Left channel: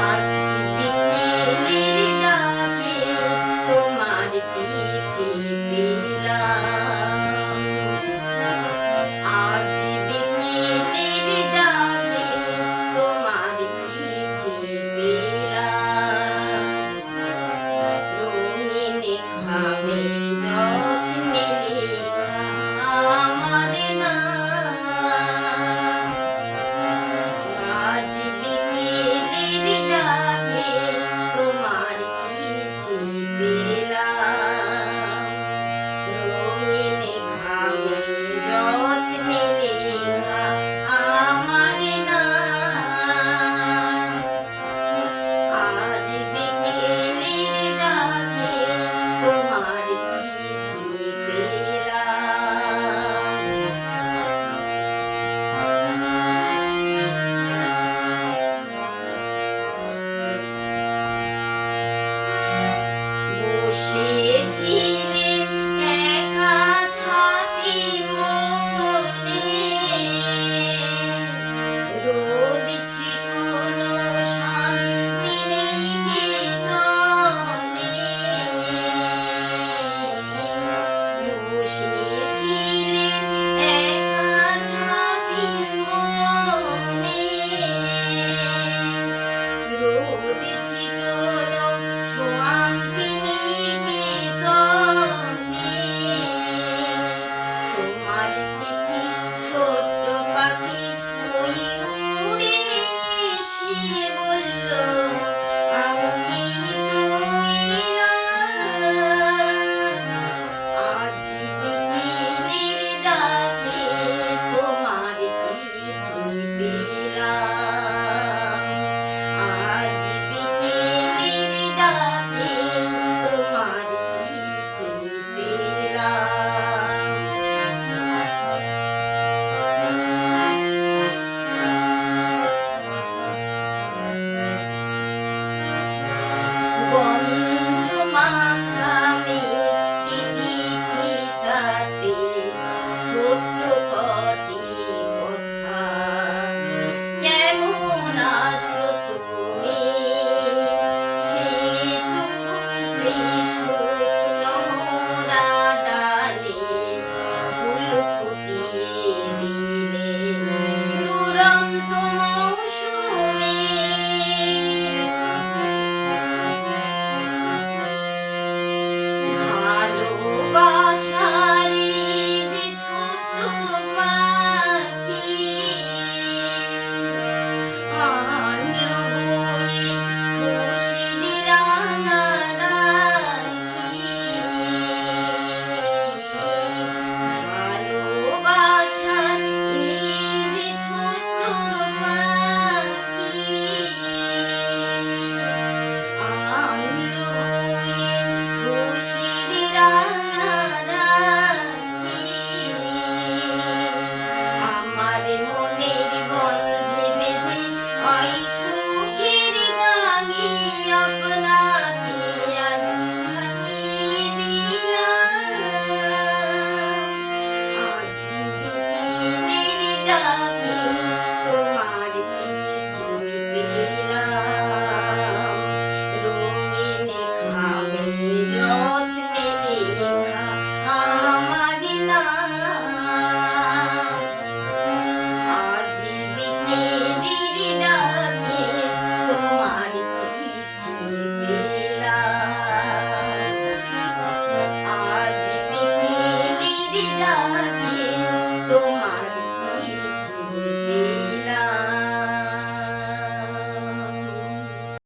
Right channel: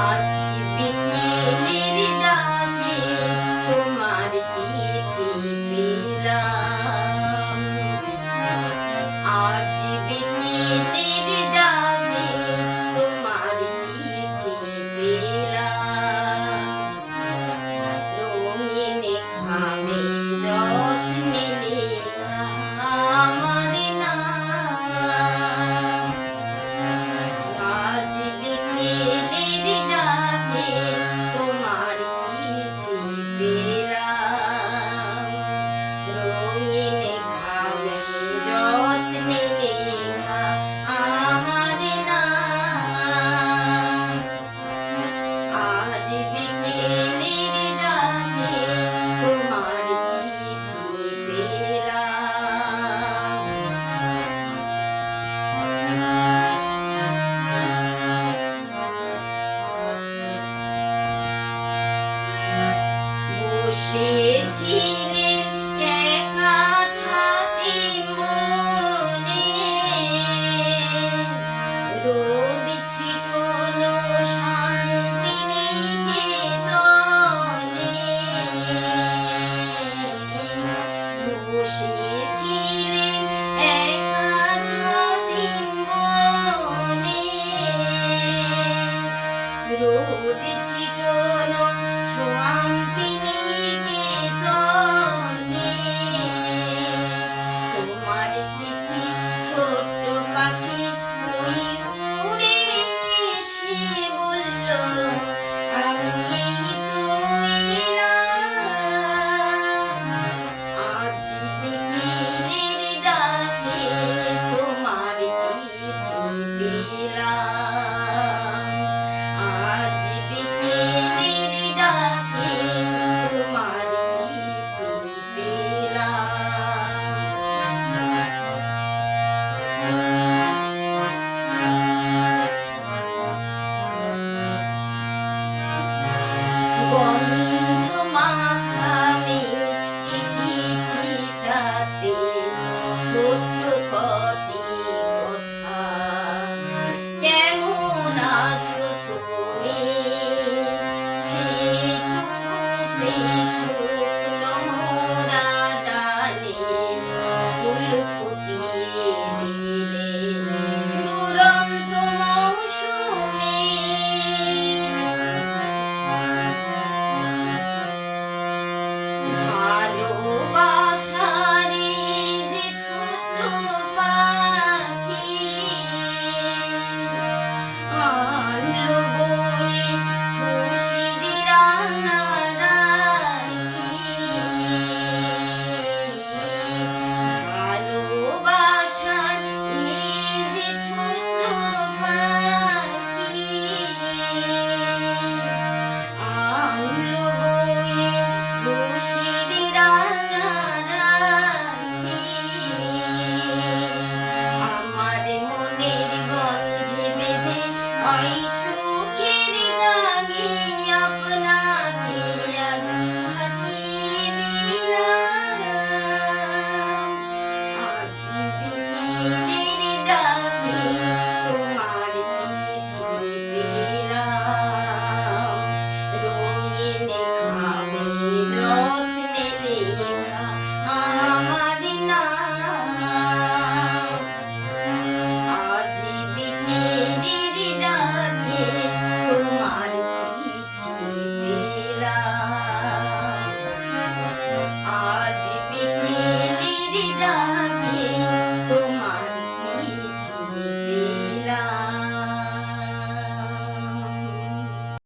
আজ বিকেলের ডাকে তোমার চিঠি পেলাম। আজ বিকেলের ডাকে তোমার চিঠি পেলাম। রঙিন খামে যত্নে লেখা আমার নাম। আজ বিকেলের ডাকে তোমার চিঠি পেলাম। রঙিন খামে যত্নে লেখা আমার নাম। আজ বিকেলের ডাকে তোমার চিঠি পেলাম। বসেছিলে একা ছাতি মনে, রোদ ছিটলো শান্তিনিকেতনে। বসেছিলে একা ছাতি মনে, রোদ ছিটলো শান্তিনিকেতনে। তোমার চিঠি ছোট্ট পাখি ওই উড়ে এসে বলল, আমি তো এলাম। আজ বিকেলের ডাকে তোমার চিঠি পেলাম। আজ বিকেলের ডাকে তোমার চিঠি পেলাম। গন্ধ মাখা মিষ্টি চিঠিটাতে ছোট্ট কটি কথা, কেমন আছো তুমি, সেটুকুতে শুকনো মোরা ডালে ফুল ফুটিয়ে দিলে দুরন্ত মৌসুমে। ভালোবাসার এই যে ছোট্ট পাখি আনলো বয়ে খুশির রাঙা রাখি। ভালোবাসার এই যে ছোট্ট পাখি আনলো বয়ে খুশির রাঙা রাখি। আমার মনের বন্ধে বেঁধে ওই সুখের গাঙে আপনাকে আজ ভাসিয়ে দিলাম। আজ বিকেলের ডাকে তোমার চিঠি পেলাম। রঙিন খামে যত্নে লেখা আমার নাম। আজ বিকেলের ডাকে তোমার চিঠি পেলাম। আজ বিকেলের ডাকে